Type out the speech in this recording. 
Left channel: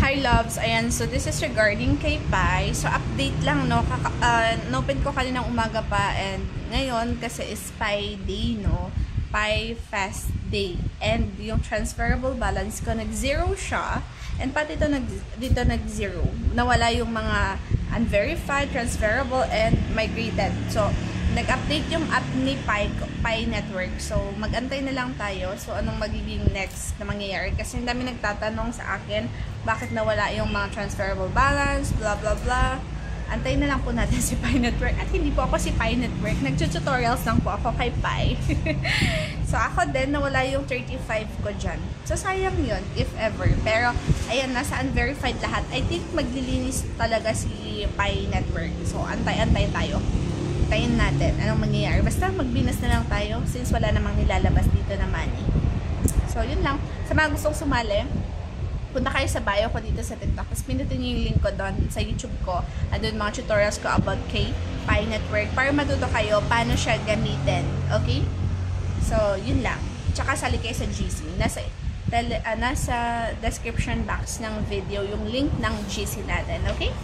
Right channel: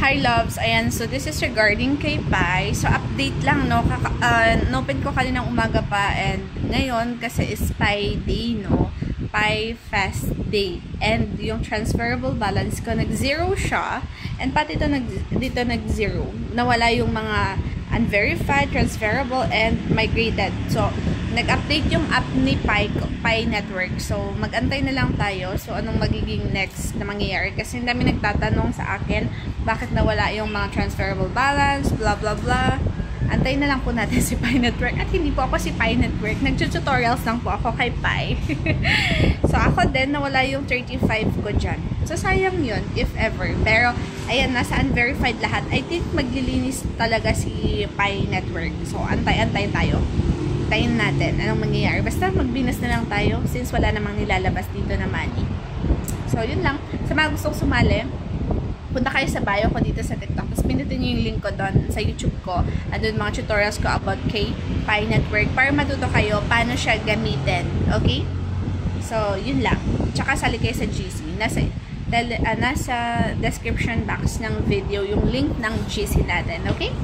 Hi loves, ayan, so this is regarding kay Pi. So update lang, no, open ko kaninang umaga pa, and ngayon kasi is Pi Day, no, Pi Fest Day, and yung transferable balance ko nag-zero siya, and pati dito nag-zero, nawala yung mga unverified, transferable, and migrated. So nag-update yung app ni Pi Network. So, mag-antay na lang tayo. So, anong magiging next na mangyayari? Kasi ang dami nagtatanong sa akin, bakit nawala yung mga transferable balance, blah, blah, blah. Antayin na lang po natin si Pi Network. At hindi po ako si Pi Network. Nag-tutorials lang po ako kay Pi. So, ako din, nawala yung 35 ko dyan. So, sayang yun, if ever. Pero, ayan, nasa unverified lahat. I think maglilinis talaga si Pi Network. So, antay-antay tayo. Tayin natin anong mangyayari. Basta magbinas na lang tayo since wala namang nilalabas dito na money. So, yun lang. Sa mga gustong sumali, punta kayo sa bio ko dito sa TikTok. Tapos pindutin nyo yung link ko doon sa YouTube ko. Andun mga tutorials ko about kay Pi Network para matuto kayo paano siya gamitin. Okay? So, yun lang. Tsaka sali kayo sa GC. Nasa description box ng video yung link ng GC natin. Okay?